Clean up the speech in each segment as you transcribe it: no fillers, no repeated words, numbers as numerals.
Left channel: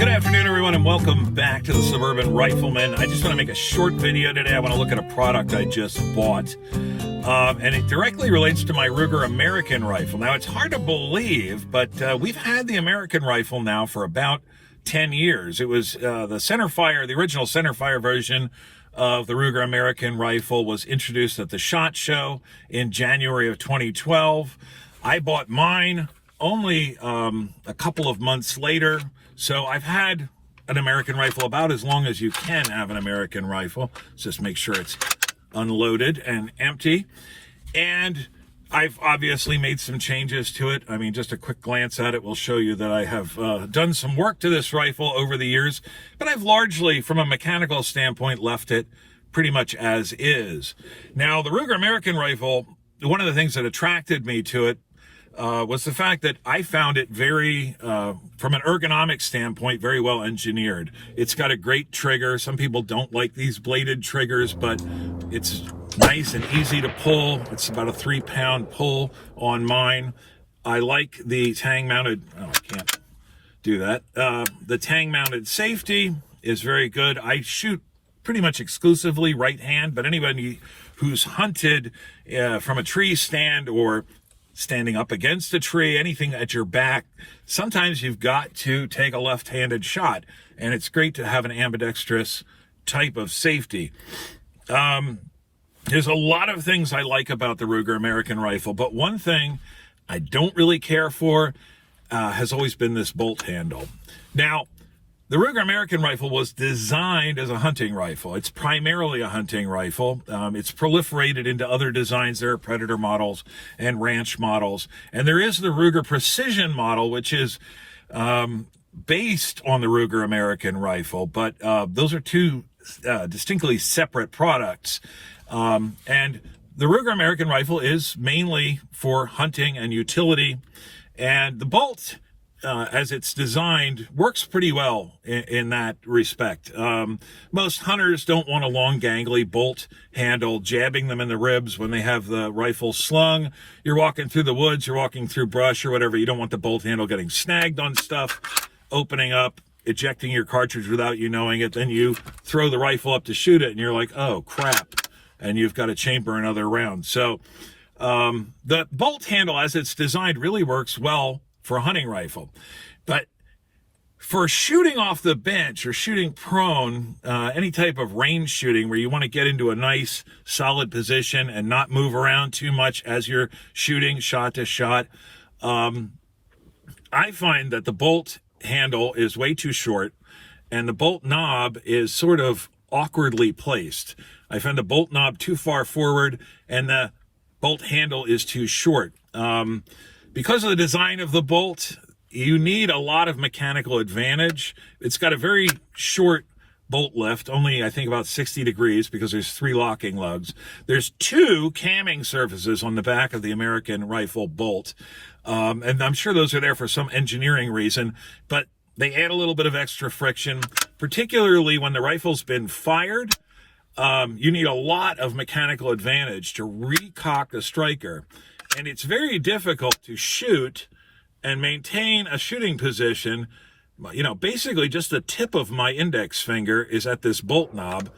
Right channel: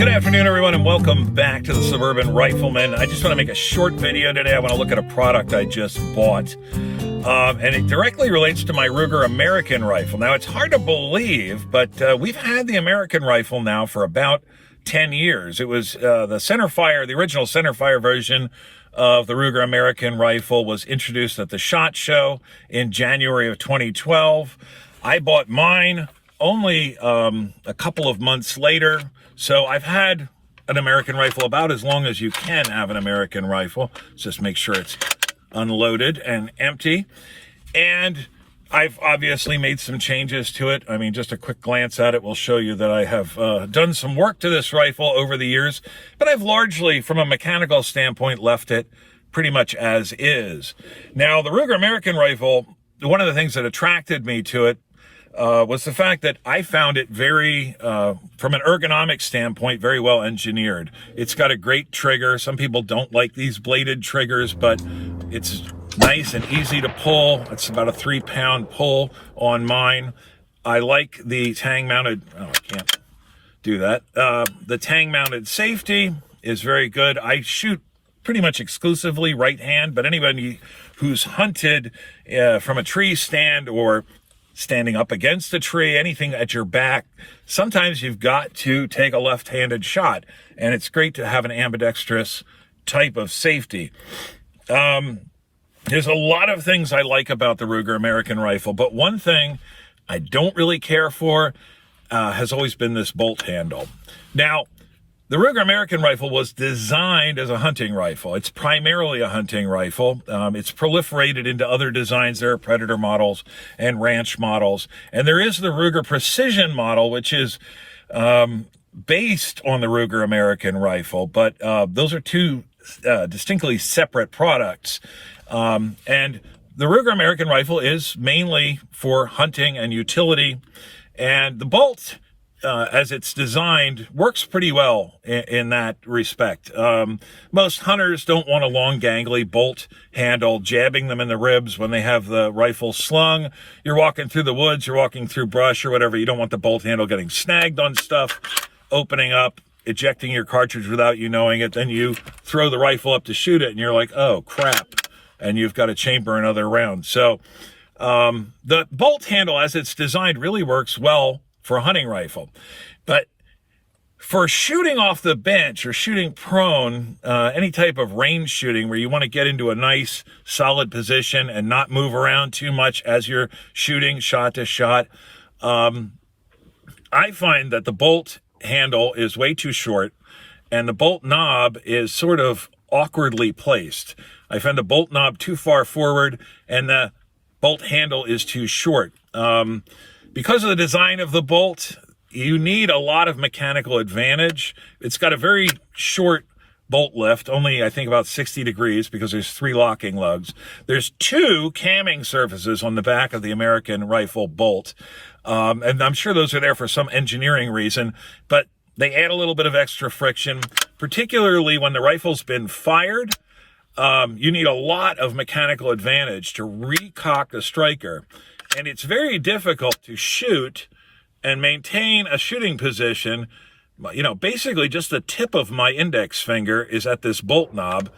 Good afternoon, everyone, and welcome back to the Suburban Rifleman. I just want to make a short video today. I want to look at a product I just bought, and it directly relates to my Ruger American rifle. Now, it's hard to believe, but we've had the American rifle now for about 10 years. It was the Centerfire, the original Centerfire version of the Ruger American rifle was introduced at the SHOT Show in January of 2012. I bought mine only a couple of months later. So I've had an American rifle about as long as you can have an American rifle. Just make sure it's unloaded and empty. And I've obviously made some changes to it. I mean, just a quick glance at it will show you that I have done some work to this rifle over the years, but I've largely, from a mechanical standpoint, left it pretty much as is. Now, the Ruger American rifle, one of the things that attracted me to it was the fact that I found it very, from an ergonomic standpoint, very well engineered. It's got a great trigger. Some people don't like these bladed triggers, but it's nice and easy to pull. It's about a 3-pound pull on mine. I like the tang-mounted, oh, I can't do that. The tang-mounted safety is very good. I shoot pretty much exclusively right hand, but anybody who's hunted from a tree stand or standing up against a tree, anything at your back, sometimes you've got to take a left-handed shot, and it's great to have an ambidextrous type of safety. There's a lot of things I like about the Ruger American rifle, but one thing I don't really care for has always been this bolt handle. Now, the Ruger American rifle was designed as a hunting rifle. It's primarily a hunting rifle. It's proliferated into other designs. There are Predator models and ranch models. And there is the Ruger Precision model, which is based on the Ruger American rifle. But those are two distinctly separate products. And the Ruger American rifle is mainly for hunting and utility. And the bolt, as it's designed, works pretty well in that respect. Most hunters don't want a long gangly bolt handle jabbing them in the ribs when they have the rifle slung. You're walking through the woods, you're walking through brush or whatever. You don't want the bolt handle getting snagged on stuff, opening up, ejecting your cartridge without you knowing it. Then you throw the rifle up to shoot it and you're like, oh crap, and you've got to chamber another round. So the bolt handle as it's designed really works well for a hunting rifle. But for shooting off the bench or shooting prone, any type of range shooting where you want to get into a nice solid position and not move around too much as you're shooting shot to shot, I find that the bolt handle is way too short and the bolt knob is sort of awkwardly placed. I find the bolt knob too far forward and the bolt handle is too short. Because of the design of the bolt, you need a lot of mechanical advantage. It's got a very short bolt lift, only I think about 60 degrees because there's 3 locking lugs. There's 2 camming surfaces on the back of the American rifle bolt. And I'm sure those are there for some engineering reason, but they add a little bit of extra friction, particularly when the rifle's been fired. You need a lot of mechanical advantage to recock the striker. And it's very difficult to shoot and maintain a shooting position. You know, basically just the tip of my index finger is at this bolt knob.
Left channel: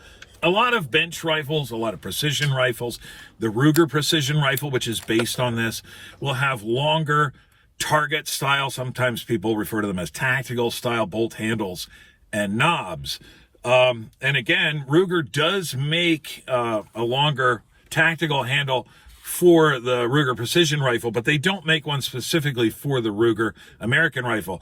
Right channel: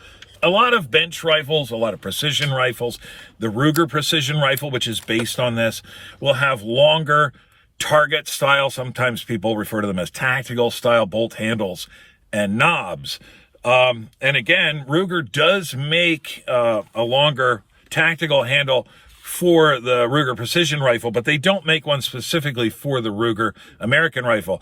A lot of bench rifles, a lot of precision rifles, the Ruger Precision rifle, which is based on this, will have longer target style. Sometimes people refer to them as tactical style bolt handles and knobs. And again, Ruger does make a longer tactical handle for the Ruger Precision rifle, but they don't make one specifically for the Ruger American rifle.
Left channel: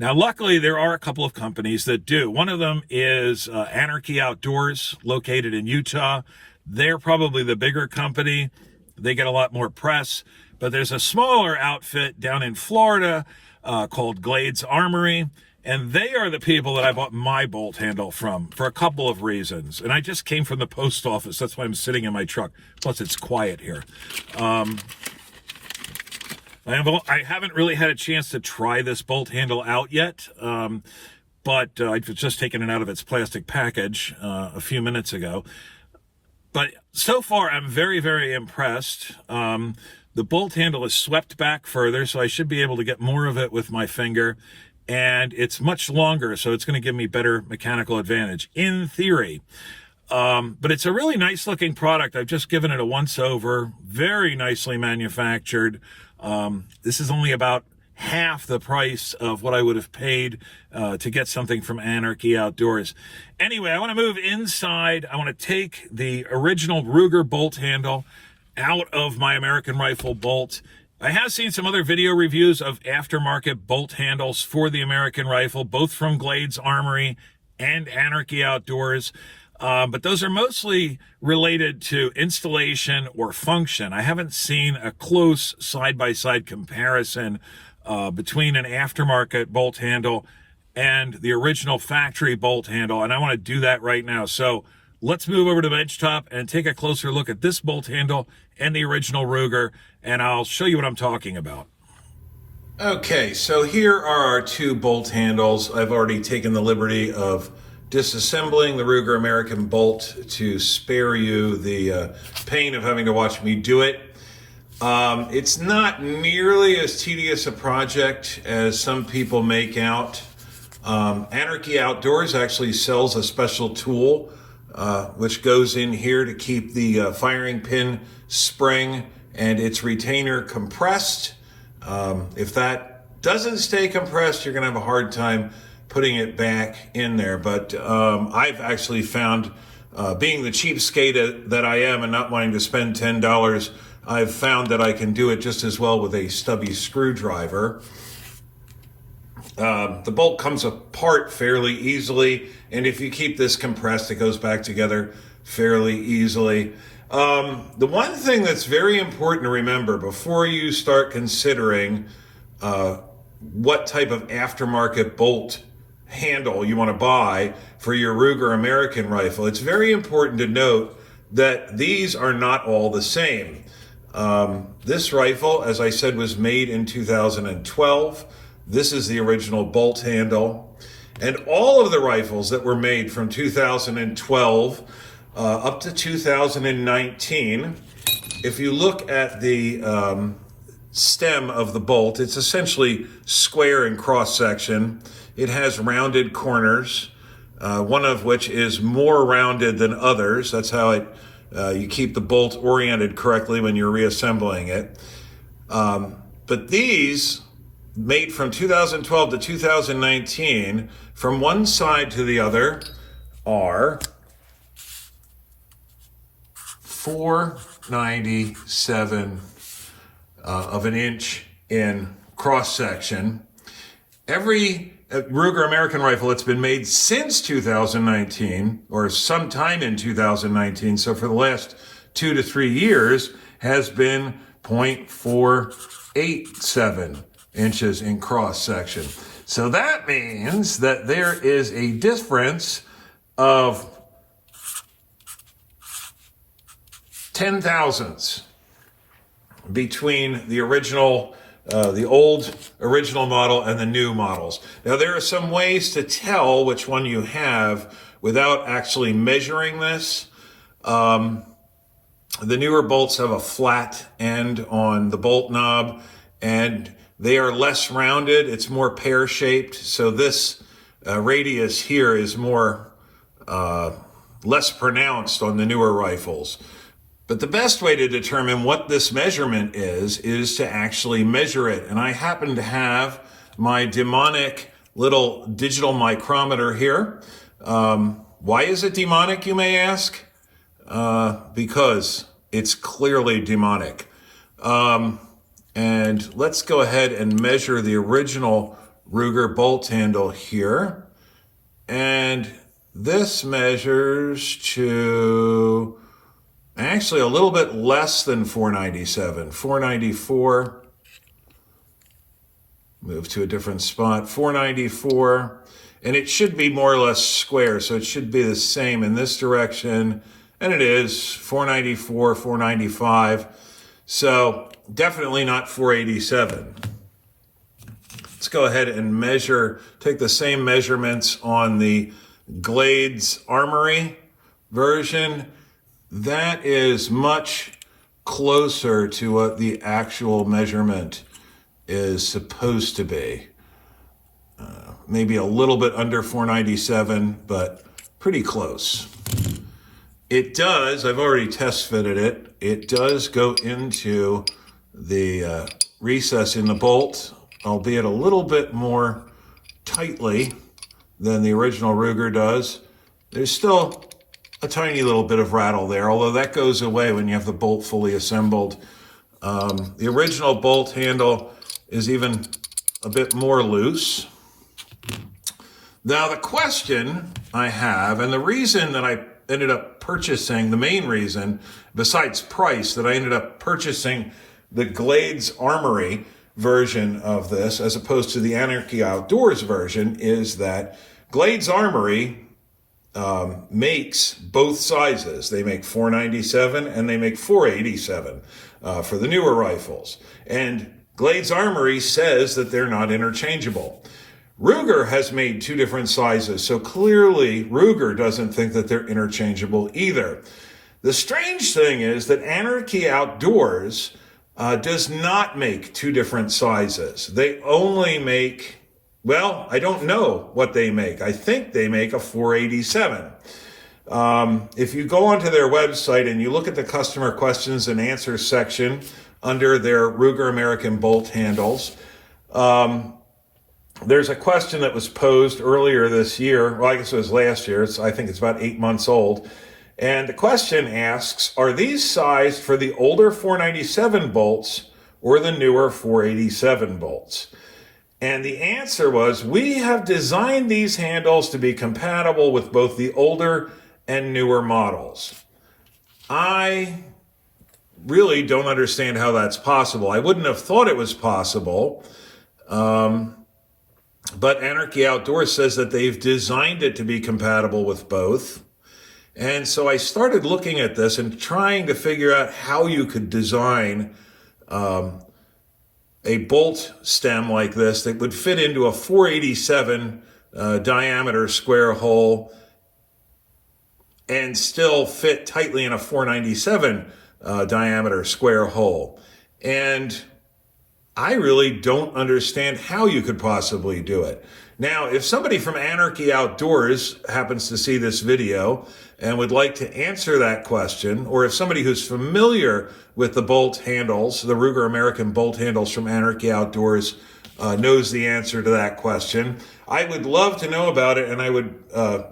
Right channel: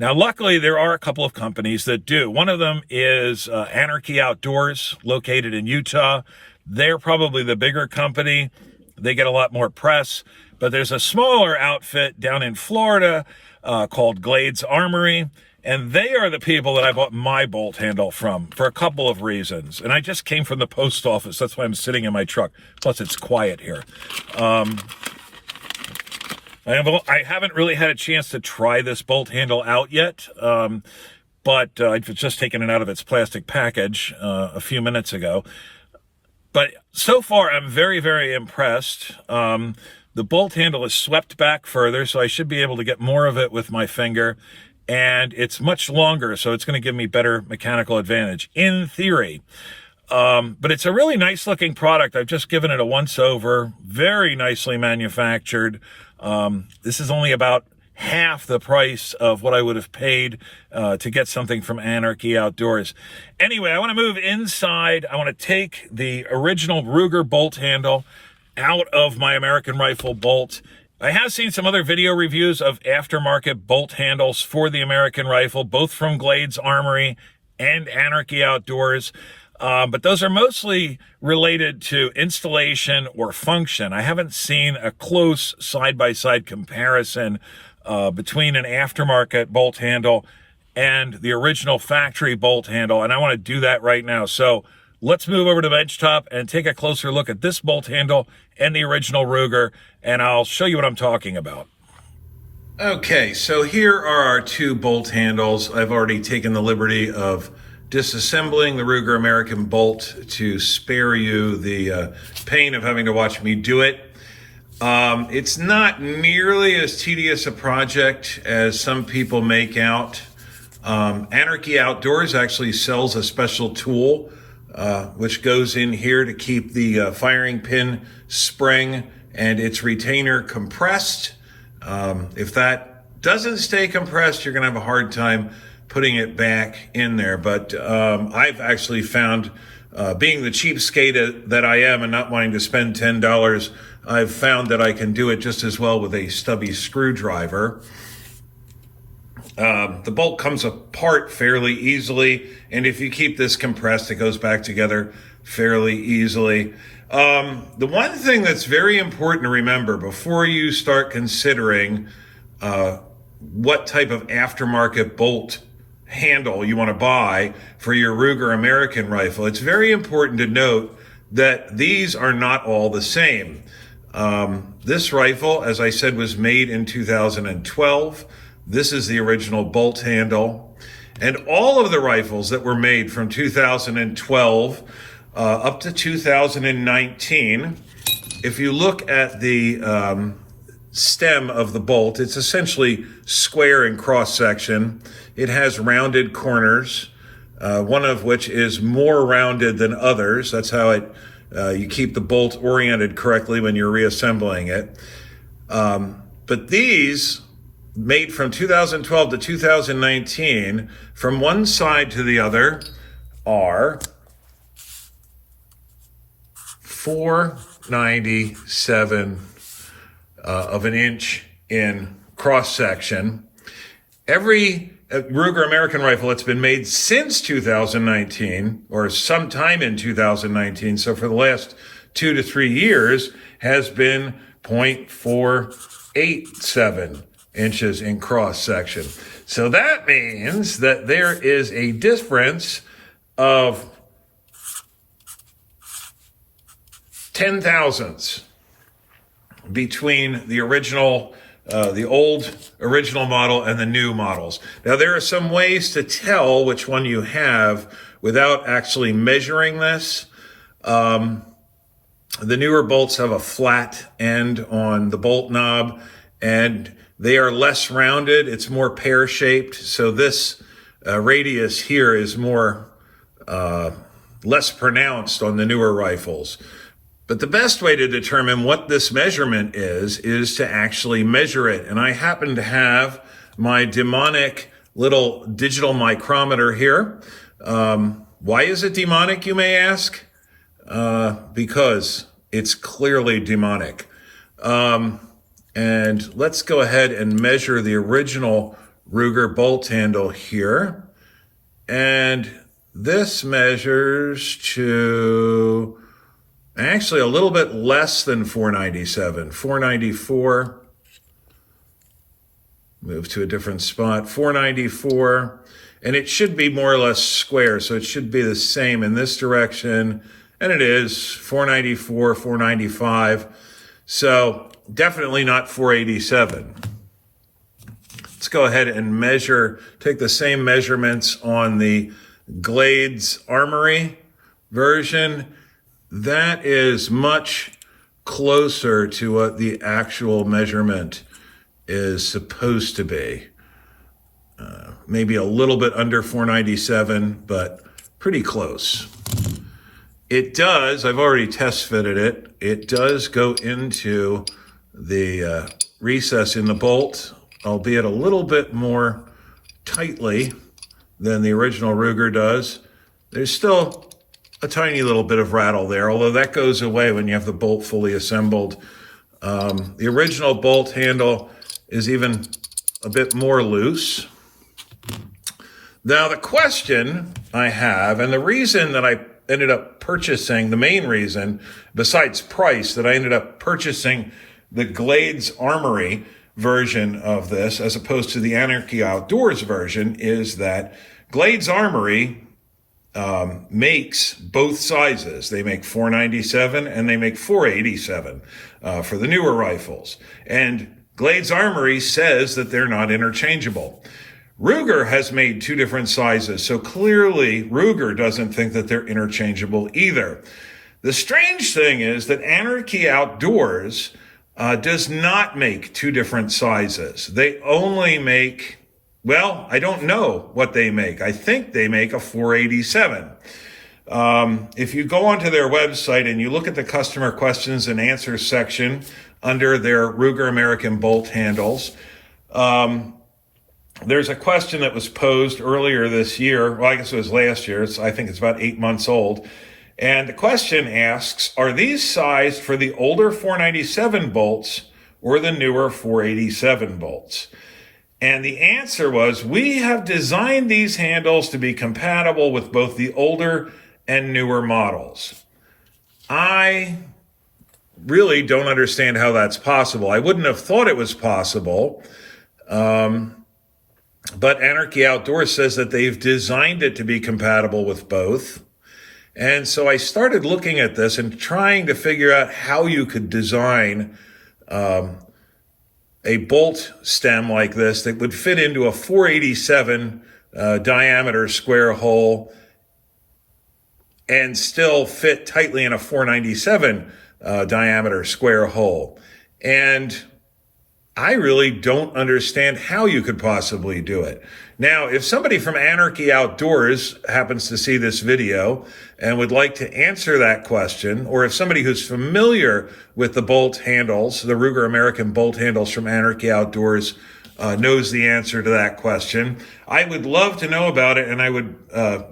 Now, luckily, there are a couple of companies that do. One of them is Anarchy Outdoors, located in Utah. They're probably the bigger company. They get a lot more press. But there's a smaller outfit down in Florida called Glades Armory, and they are the people that I bought my bolt handle from for a couple of reasons. And I just came from the post office. That's why I'm sitting in my truck. Plus, it's quiet here. I haven't really had a chance to try this bolt handle out yet, but I've just taken it out of its plastic package a few minutes ago. But so far, I'm very, very impressed. The bolt handle is swept back further, so I should be able to get more of it with my finger. and it's much longer, so it's going to give me better mechanical advantage in theory. But it's a really nice looking product. I've just given it a once over, very nicely manufactured. This is only about half the price of what I would have paid to get something from Anarchy Outdoors. Anyway, I want to move inside. I want to take the original Ruger bolt handle out of my American Rifle bolt. I have seen some other video reviews of aftermarket bolt handles for the American Rifle, both from Glades Armory and Anarchy Outdoors. But those are mostly related to installation or function. I haven't seen a close side-by-side comparison between an aftermarket bolt handle and the original factory bolt handle, and I want to do that right now. So let's move over to the benchtop and take a closer look at this bolt handle and the original Ruger, and I'll show you what I'm talking about. Okay, so here are our two bolt handles. I've already taken the liberty of disassembling the Ruger American bolt to spare you the pain of having to watch me do it. It's not nearly as tedious a project as some people make out. Anarchy Outdoors actually sells a special tool which goes in here to keep the firing pin spring and its retainer compressed. If that doesn't stay compressed, you're going to have a hard time putting it back in there. But I've actually found, being the cheapskate that I am and not wanting to spend $10, I've found that I can do it just as well with a stubby screwdriver. The bolt comes apart fairly easily, and if you keep this compressed, it goes back together fairly easily. The one thing that's very important to remember before you start considering what type of aftermarket bolt handle you want to buy for your Ruger American Rifle, it's very important to note that these are not all the same. This rifle, as I said, was made in 2012. This is the original bolt handle. And all of the rifles that were made from 2012 up to 2019, if you look at the stem of the bolt, it's essentially square in cross section. It has rounded corners, one of which is more rounded than others. That's how you keep the bolt oriented correctly when you're reassembling it. But these, made from 2012 to 2019, from one side to the other, are 4/97 of an inch in cross section. Every Ruger American Rifle that's been made since 2019, or sometime in 2019, so for the last 2 to 3 years, has been 0.487 inches in cross section. So that means that there is a difference of 10 thousandths between the original, the old original model and the new models. Now, there are some ways to tell which one you have without actually measuring this. The newer bolts have a flat end on the bolt knob, and they are less rounded. It's more pear-shaped. So this radius here is more less pronounced on the newer rifles. But the best way to determine what this measurement is to actually measure it. And I happen to have my demonic little digital micrometer here. Why is it demonic, you may ask? Because it's clearly demonic. And let's go ahead and measure the original Ruger bolt handle here. And this measures to actually a little bit less than 497, 494. Move to a different spot, 494. And it should be more or less square, so it should be the same in this direction. And it is 494, 495. So definitely not 487. Let's go ahead and measure, take the same measurements on the Glades Armory version. That is much closer to what the actual measurement is supposed to be. maybe a little bit under $497, but pretty close. It does, I've already test fitted it. It does go into the recess in the bolt, albeit a little bit more tightly than the original Ruger does. There's still a tiny little bit of rattle there, although that goes away when you have the bolt fully assembled. The original bolt handle is even a bit more loose. Now the question I have, and the reason that I ended up purchasing, the main reason, besides price, that I ended up purchasing the Glades Armory version of this as opposed to the Anarchy Outdoors version is that Glades Armory makes both sizes. They make .497 and they make .487 for the newer rifles. And Glades Armory says that they're not interchangeable. Ruger has made two different sizes, so clearly Ruger doesn't think that they're interchangeable either. The strange thing is that Anarchy Outdoors does not make two different sizes. They only make, well, I don't know what they make. I think they make a .487. If you go onto their website and you look at the customer questions and answers section under their Ruger American bolt handles, there's a question that was posed earlier this year. Well, I guess it was last year. I think it's about 8 months old. And the question asks, are these sized for the older .497 bolts or the newer .487 bolts? And the answer was, we have designed these handles to be compatible with both the older and newer models. I really don't understand how that's possible. I wouldn't have thought it was possible. But Anarchy Outdoors says that they've designed it to be compatible with both. And so I started looking at this and trying to figure out how you could design a bolt stem like this that would fit into a .487 diameter square hole and still fit tightly in a .497 diameter square hole. And I really don't understand how you could possibly do it. Now, if somebody from Anarchy Outdoors happens to see this video and would like to answer that question, or if somebody who's familiar with the bolt handles, the Ruger American bolt handles from Anarchy Outdoors, knows the answer to that question, I would love to know about it, and I would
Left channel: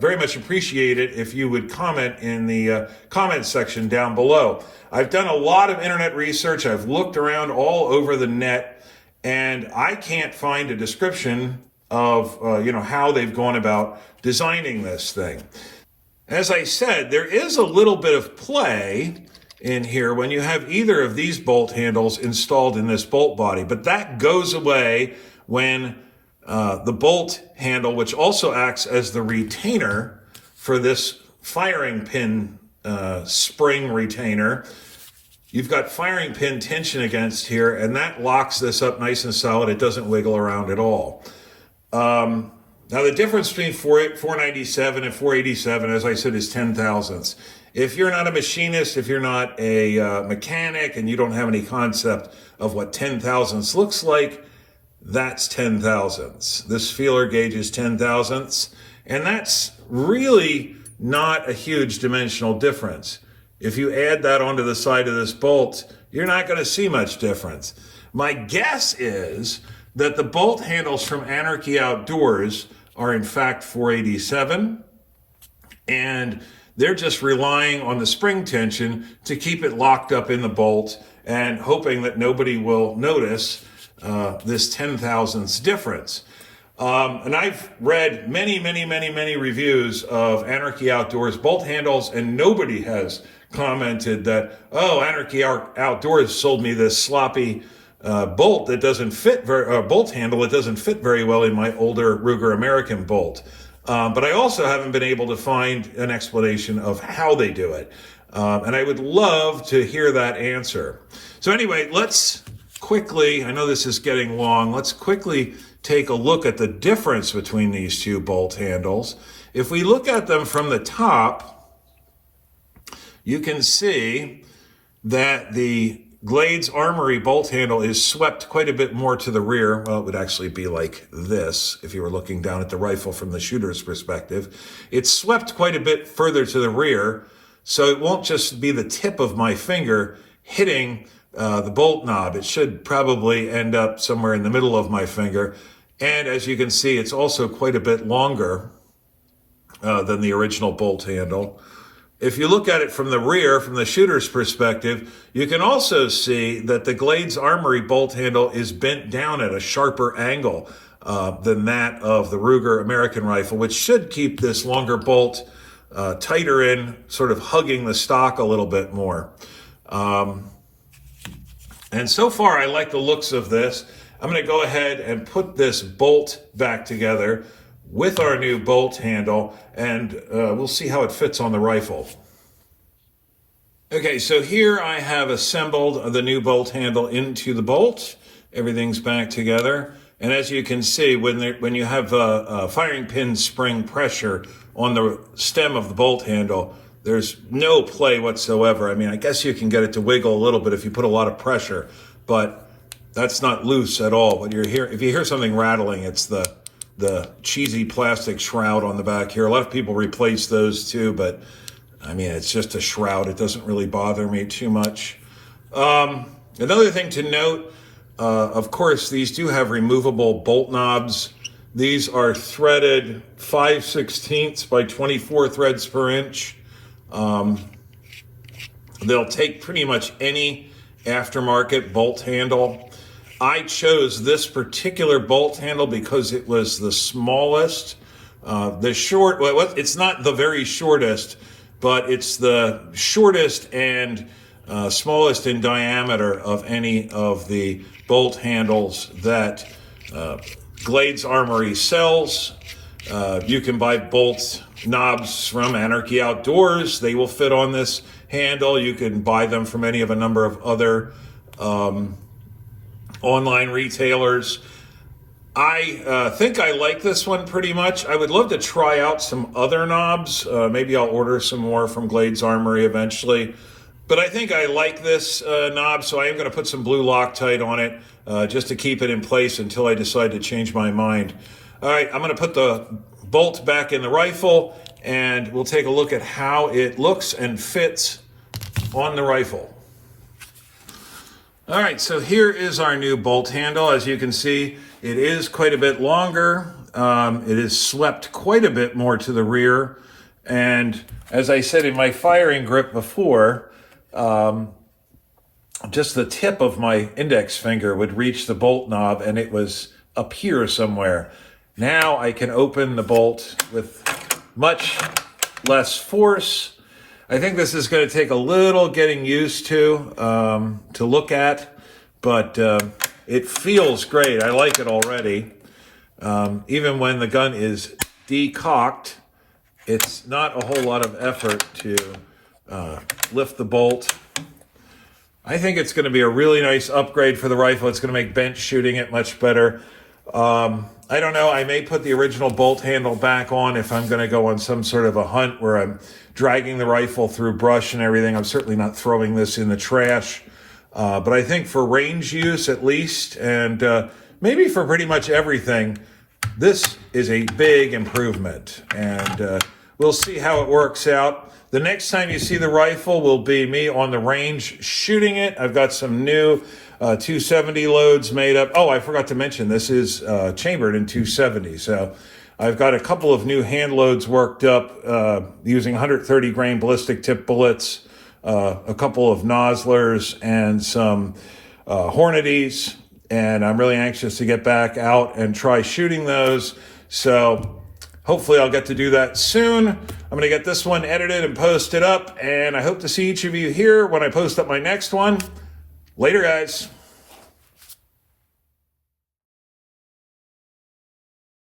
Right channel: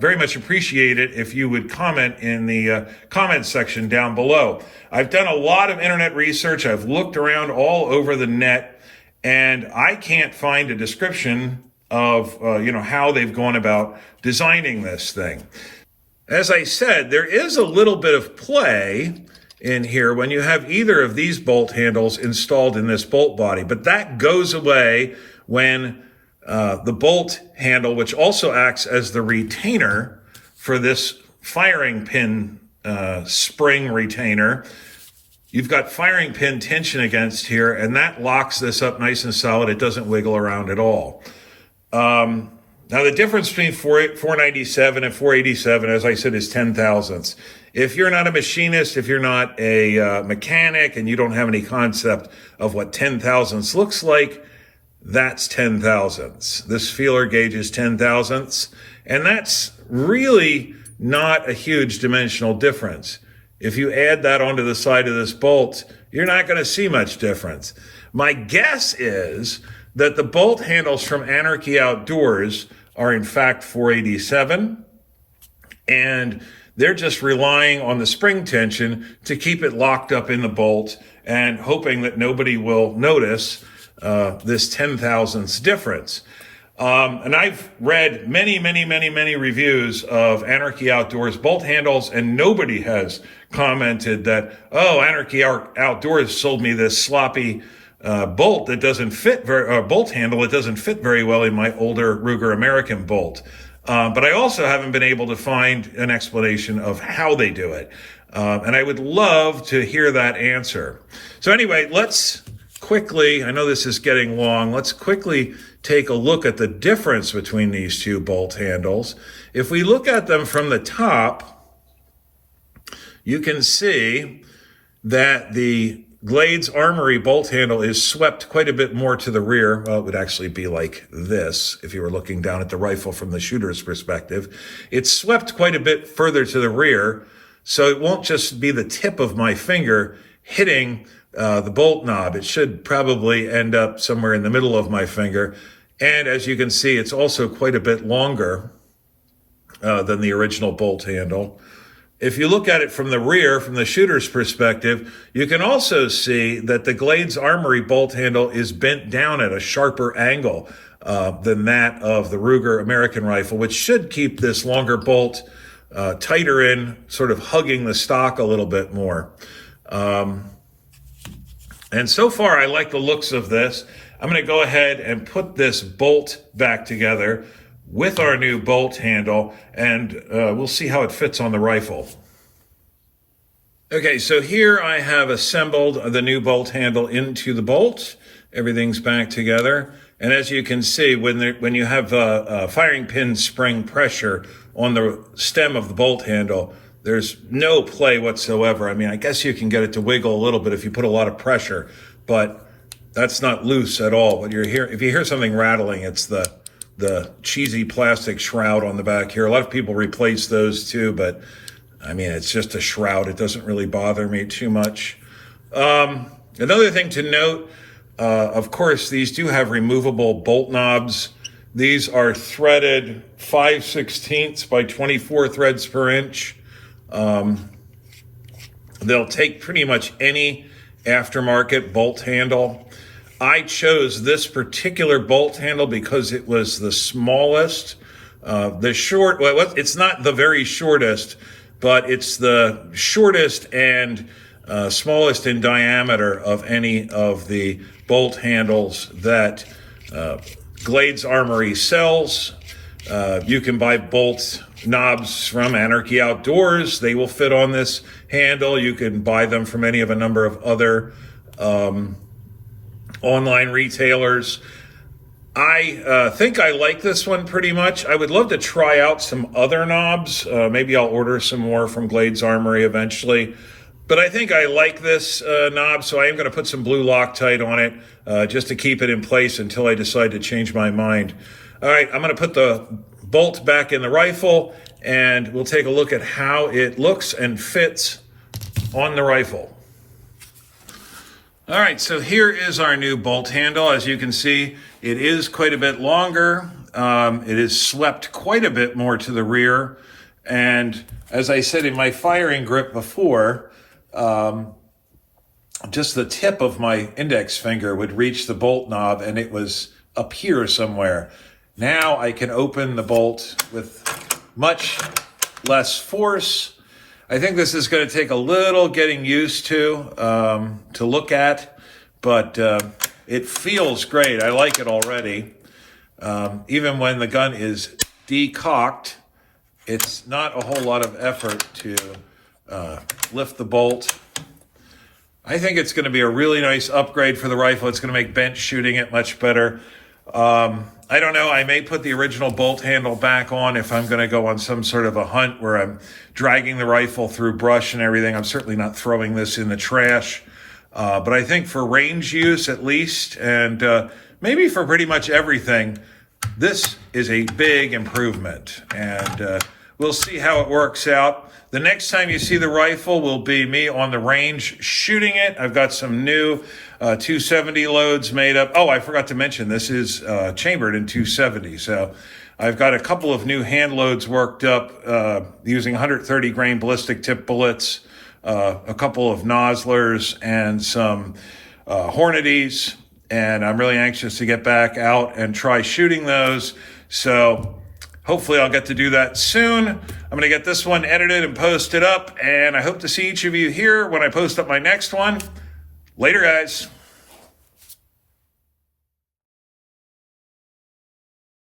very much appreciate it if you would comment in the comments section down below. I've done a lot of internet research. I've looked around all over the net, and I can't find a description of how they've gone about designing this thing. As I said, there is a little bit of play in here when you have either of these bolt handles installed in this bolt body, but that goes away when the bolt handle, which also acts as the retainer for this firing pin spring retainer, you've got firing pin tension against here, and that locks this up nice and solid. It doesn't wiggle around at all. Now, the difference between .497 and .487, as I said, is 10 thousandths. If you're not a machinist, if you're not a mechanic, and you don't have any concept of what 10 thousandths looks like, that's 10 thousandths. This feeler gauge is 10 thousandths, and that's really not a huge dimensional difference. If you add that onto the side of this bolt, you're not going to see much difference. My guess is that the bolt handles from Anarchy Outdoors are in fact .487, and they're just relying on the spring tension to keep it locked up in the bolt and hoping that nobody will notice this 10 thousandths difference. And I've read many reviews of Anarchy Outdoors bolt handles, and nobody has commented that, oh, Anarchy Outdoors sold me this sloppy bolt that doesn't fit bolt handle that doesn't fit very well in my older Ruger American bolt. But I also haven't been able to find an explanation of how they do it. And I would love to hear that answer. So anyway, let's quickly, I know this is getting long, let's quickly take a look at the difference between these two bolt handles. If we look at them from the top, you can see that the Glades Armory bolt handle is swept quite a bit more to the rear. Well, it would actually be like this if you were looking down at the rifle from the shooter's perspective. It's swept quite a bit further to the rear, so it won't just be the tip of my finger hitting the bolt knob. It should probably end up somewhere in the middle of my finger. And as you can see, it's also quite a bit longer than the original bolt handle. If you look at it from the rear, from the shooter's perspective, you can also see that the Glades Armory bolt handle is bent down at a sharper angle than that of the Ruger American rifle, which should keep this longer bolt tighter in, sort of hugging the stock a little bit more. And so far, I like the looks of this. I'm going to go ahead and put this bolt back together with our new bolt handle, and we'll see how it fits on the rifle. Okay, so here I have assembled the new bolt handle into the bolt. Everything's back together. And as you can see, when you have a firing pin spring pressure on the stem of the bolt handle, there's no play whatsoever. I mean, I guess you can get it to wiggle a little bit if you put a lot of pressure, but that's not loose at all. If you hear something rattling, it's the cheesy plastic shroud on the back here. A lot of people replace those too, but I mean, it's just a shroud. It doesn't really bother me too much. Another thing to note, of course, these do have removable bolt knobs. These are threaded 5/16 by 24 threads per inch. They'll take pretty much any aftermarket bolt handle. I chose this particular bolt handle because it was the smallest. It's not the very shortest, but it's the shortest and smallest in diameter of any of the bolt handles that Glades Armory sells. You can buy bolt knobs from Anarchy Outdoors. They will fit on this handle. You can buy them from any of a number of other online retailers. I think I like this one pretty much. I would love to try out some other knobs. Maybe I'll order some more from Glades Armory eventually. But I think I like this knob, so I am going to put some blue Loctite on it just to keep it in place until I decide to change my mind. All right, I'm going to put the bolt back in the rifle, and we'll take a look at how it looks and fits on the rifle. All right, so here is our new bolt handle. As you can see, it is quite a bit longer. It is swept quite a bit more to the rear. And as I said in my firing grip before, just the tip of my index finger would reach the bolt knob, and it was up here somewhere. Now I can open the bolt with much less force. I think this is going to take a little getting used to look at, but it feels great. I like it already. Even when the gun is decocked, it's not a whole lot of effort to lift the bolt. I think it's going to be a really nice upgrade for the rifle. It's going to make bench shooting it much better. I don't know. I may put the original bolt handle back on if I'm going to go on some sort of a hunt where I'm dragging the rifle through brush and everything. I'm certainly not throwing this in the trash. But I think for range use at least, and maybe for pretty much everything, this is a big improvement. And we'll see how it works out. The next time you see the rifle will be me on the range shooting it. I've got some new 270 loads made up. Oh, I forgot to mention this is chambered in 270. So I've got a couple of new hand loads worked up using 130 grain ballistic tip bullets, a couple of Noslers, and some Hornadies. And I'm really anxious to get back out and try shooting those. So hopefully I'll get to do that soon. I'm going to get this one edited and posted up, and I hope to see each of you here when I post up my next one. Later, guys.